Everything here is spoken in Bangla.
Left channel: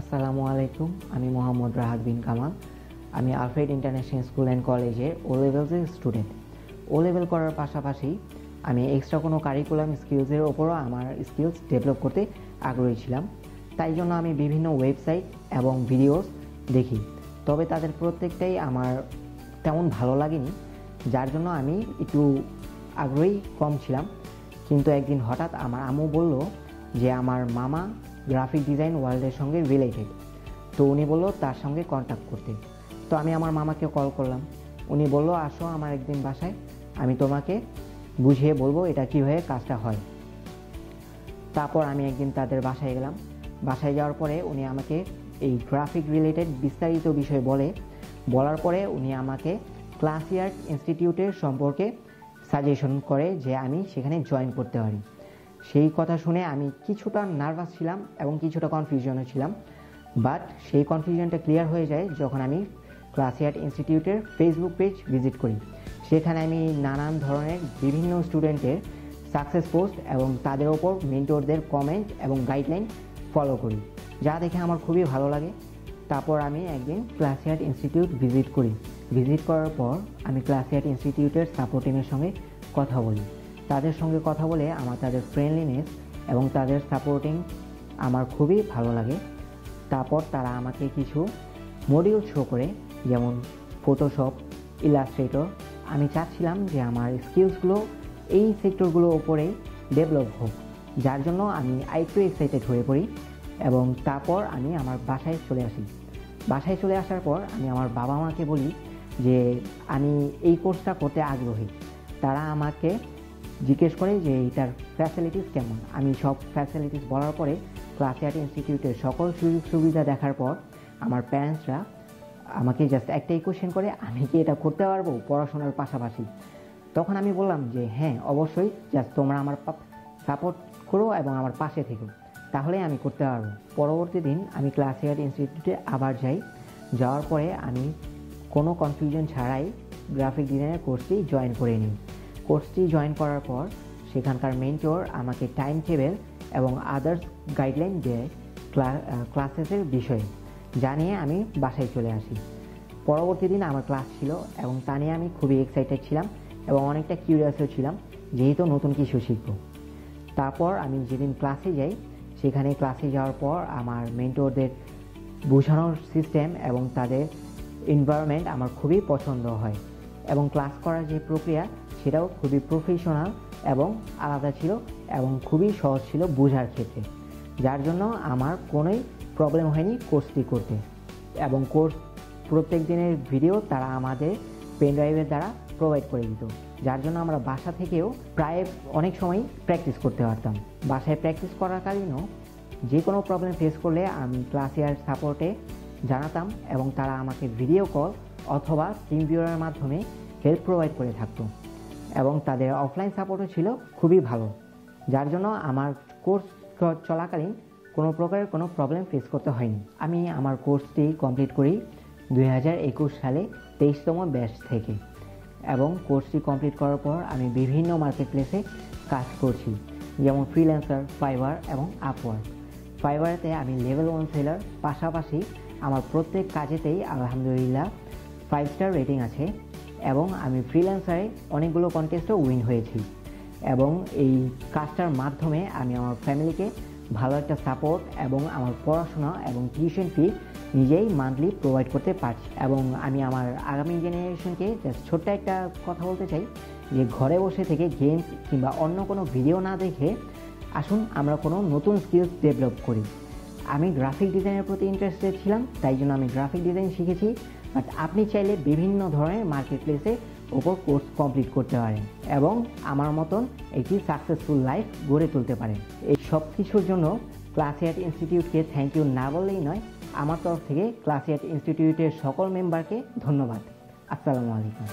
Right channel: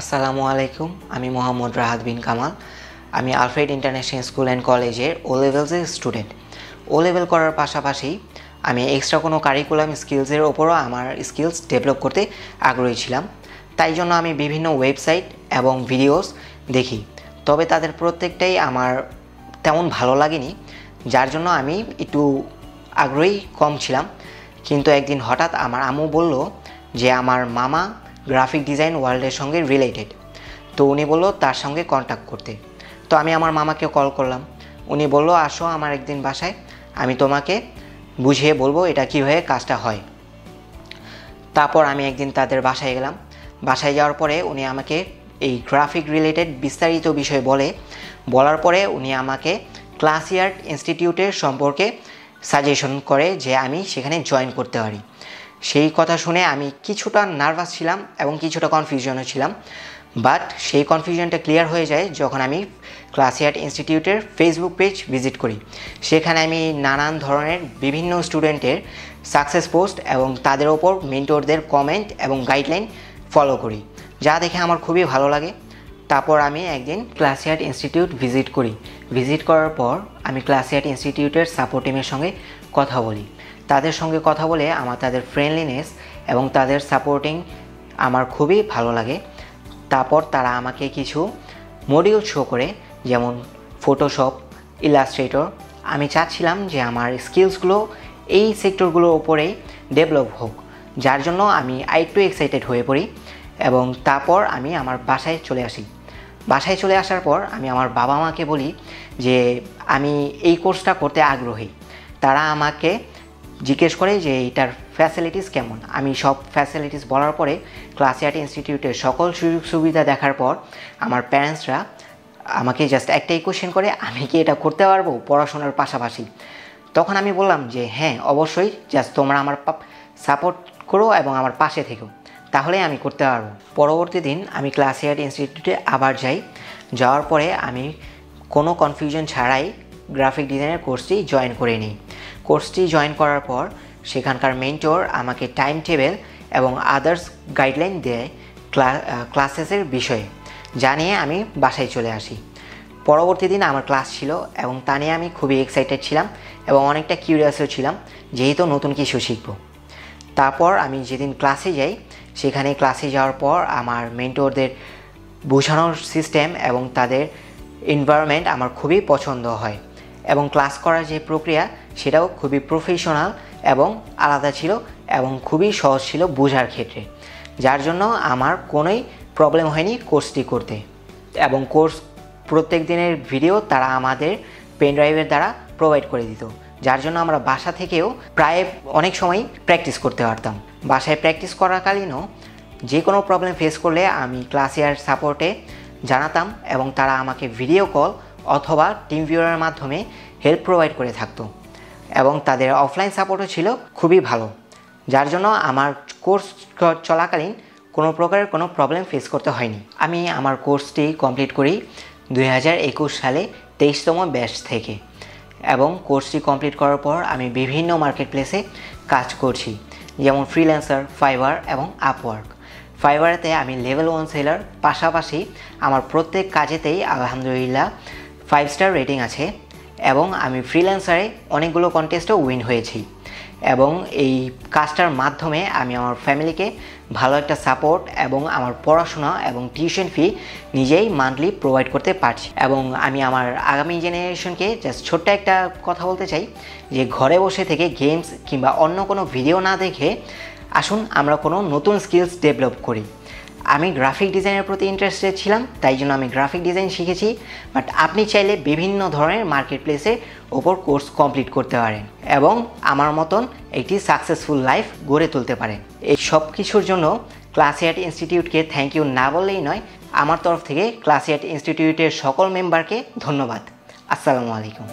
আসসালামু আলাইকুম। আমি মোহাম্মদ রাহাত বিন কামাল। আমি আলফ্রেড ইন্টারন্যাশনাল স্কুল অ্যান্ড কলেজের ও লেভেলসের স্টুডেন্ট। ও লেভেল করার পাশাপাশি আমি এক্সট্রা কোনো কারিকুলাম স্কিলসের ওপরও আমার স্কিলস ডেভেলপ করতে আগ্রহী ছিলাম। তাই জন্য আমি বিভিন্ন ওয়েবসাইট এবং ভিডিওস দেখি, তবে তাদের প্রত্যেকটাই আমার তেমন ভালো লাগেনি, যার জন্য আমি একটু আগ্রহী কম ছিলাম। কিন্তু একদিন হঠাৎ আমার আম্মু বলল যে আমার মামা গ্রাফিক ডিজাইন ওয়ার্ল্ডের সঙ্গে রিলেটেড, তো উনি বলল তার সঙ্গে কন্ট্যাক্ট করতে। তো আমি আমার মামাকে কল করলাম। উনি বলল আসো আমার একদিন বাসায়, আমি তোমাকে বুঝিয়ে বলবো এটা কীভাবে কাজটা হয়। তারপর আমি একদিন তাদের বাসায় গেলাম। বাসায় যাওয়ার পরে উনি আমাকে এই গ্রাফিক রিলেটেড বিস্তারিত বিষয় বলার পরে উনি আমাকে ক্লাসিয়ার্ট ইনস্টিটিউটের সম্পর্কে সাজেশন করে যে আমি সেখানে জয়েন করতে পারি। সেই কথা শুনে আমি কিছুটা নার্ভাস ছিলাম এবং কিছুটা কনফিউশনও ছিলাম, বাট সেই কনফিউশনটা ক্লিয়ার হয়ে যায় যখন আমি ক্লাসিয়ার্ট ইনস্টিটিউটের ফেসবুক পেজ ভিজিট করি। সেখানে আমি নানান ধরনের বিভিন্ন স্টুডেন্টের সাকসেস পোস্ট এবং তাদের ওপর মেন্টরদের কমেন্ট এবং গাইডলাইন ফলো করি, যা দেখে আমার খুবই ভালো লাগে। তারপর আমি একদিন ক্লাসিয়ার্ট ইনস্টিটিউট ভিজিট করার পর আমি ক্লাসিয়ার্ট ইনস্টিটিউটের সাপোর্ট টিমের সঙ্গে কথা বলি। তাদের সঙ্গে কথা বলে আমার তাদের ফ্রেন্ডলিনেস এবং তাদের সাপোর্টিং আমার খুবই ভালো লাগে। তারপর তারা আমাকে কিছু মডিউল শো করে, যেমন ফটোশপ, ইলাস্ট্রেটর। আমি চাচ্ছিলাম যে আমার স্কিলসগুলো এই সেক্টরগুলোর ওপরেই ডেভেলপ হোক, যার জন্য আমি আরেকটু এক্সাইটেড হয়ে পড়ি এবং তারপর আমি আমার বাসায় চলে আসি। বাসায় চলে আসার পর আমি আমার বাবা মাকে বলি যে আমি এই কোর্সটা করতে আগ্রহী। তারা আমাকে জিজ্ঞেস করে যে এটার ফ্যাসিলিটিস কেমন। আমি সব ফ্যাসিলিটিস বলার পরে ক্লাসিয়ার্ট ইনস্টিটিউটের সকল সুযোগ সুবিধা দেখার পর আমার প্যারেন্টসরা আমাকে জাস্ট একটাই কোশ্চেন করে, আমি কি এটা করতে পারবো পড়াশোনার পাশাপাশি? তখন আমি বললাম যে হ্যাঁ অবশ্যই, জাস্ট তোমরা আমার সাপোর্ট করো এবং আমার পাশে থেকো, তাহলেই আমি করতে পারবো। পরবর্তী দিন আমি ক্লাসিয়ার্ট ইনস্টিটিউটে আবার যাওয়ার পরে আমি কোনো কনফিউশন ছাড়াই গ্রাফিক ডিজাইনের কোর্সটি জয়েন করে নিই। কোর্সটি জয়েন করার পর সেখানকার মেন্টর আমাকে টাইম টেবিল এবং আদার্স গাইডলাইন দেয় ক্লাসেসের বিষয়ে, যা নিয়ে আমি বাসায় চলে আসি। পরবর্তী দিন আমার ক্লাস ছিল এবং তা নিয়ে আমি খুবই এক্সাইটেড ছিলাম এবং অনেকটা কিউরিয়াসও ছিলাম, যেহেতু নতুন কিছু শিখব। তারপর আমি যেদিন ক্লাসে যাই, সেখানে ক্লাসে যাওয়ার পর আমার মেন্টরদের বোঝানোর সিস্টেম এবং তাদের এনভায়রনমেন্ট আমার খুবই পছন্দ হয় এবং ক্লাস করার যে প্রক্রিয়া সেটাও খুবই প্রফেশনাল এবং আলাদা ছিল এবং খুবই সহজ ছিল বোঝার ক্ষেত্রে, যার জন্য আমার কোনোই প্রবলেম হয়নি কোর্সটি করতে। এবং কোর্স প্রত্যেক দিনের ভিডিও তারা আমাদের পেন ড্রাইভের দ্বারা প্রোভাইড করে দিত, যার জন্য আমরা বাসা থেকেও প্রায় অনেক সময় প্র্যাকটিস করতে পারতাম। বাসায় প্র্যাকটিস করাকালীনও যে কোনো প্রবলেম ফেস করলে আমি ক্লাসিয়ার্ট সাপোর্টে জানাতাম এবং তারা আমাকে ভিডিও কল অথবা টিম ভিউয়ারের মাধ্যমে হেল্প প্রোভাইড করে থাকতো এবং তাদের অফলাইন সাপোর্টও ছিল খুবই ভালো, যার জন্য আমার কোর্স চলাকালীন কোনো প্রকারের কোনো প্রবলেম ফেস করতে হয়নি। আমি আমার কোর্সটি কমপ্লিট করি 2021 সালে 23তম ব্যাচ থেকে এবং কোর্সটি কমপ্লিট করার পর আমি বিভিন্ন মার্কেট প্লেসে কাজ করছি, যেমন ফ্রিল্যান্সার, ফাইবার এবং আপওয়ার্ক। ফাইবারেতে আমি লেভেল 1 সেলার, পাশাপাশি আমার প্রত্যেক কাজেতেই আলহামদুলিল্লাহ 5 স্টার রেটিং আছে এবং আমি ফ্রিল্যান্সারে অনেকগুলো কন্টেস্টও উইন হয়েছি এবং এই কাজটার মাধ্যমে আমি আমার ফ্যামিলিকে ভালো একটা সাপোর্ট এবং আমার পড়াশোনা এবং টিউশন ফি নিজেই মান্থলি প্রোভাইড করতে পারছি। এবং আমি আমার আগামী জেনারেশনকে জাস্ট ছোট্ট একটা কথা বলতে চাই যে ঘরে বসে থেকে গেমস কিংবা অন্য কোনো ভিডিও না দেখে আসুন আমরা কোনো নতুন স্কিলস ডেভেলপ করি। আমি গ্রাফিক ডিজাইনের প্রতি ইন্টারেস্টেড ছিলাম, তাই জন্য আমি গ্রাফিক ডিজাইন শিখেছি, বাট আপনি চাইলে বিভিন্ন ধরনের মার্কেট প্লেসের ওপর কোর্স কমপ্লিট করতে পারেন এবং আমার মতন একটি সাকসেসফুল লাইফ গড়ে তুলতে পারেন। এই সব কিছুর জন্য ক্লাসিয়ার্ট ইনস্টিটিউটকে থ্যাংক ইউ না বললেই নয়। আমার তরফ থেকে ক্লাসিয়ার্ট ইনস্টিটিউটের সকল মেম্বারকে ধন্যবাদ। আসসালামু আলাইকুম।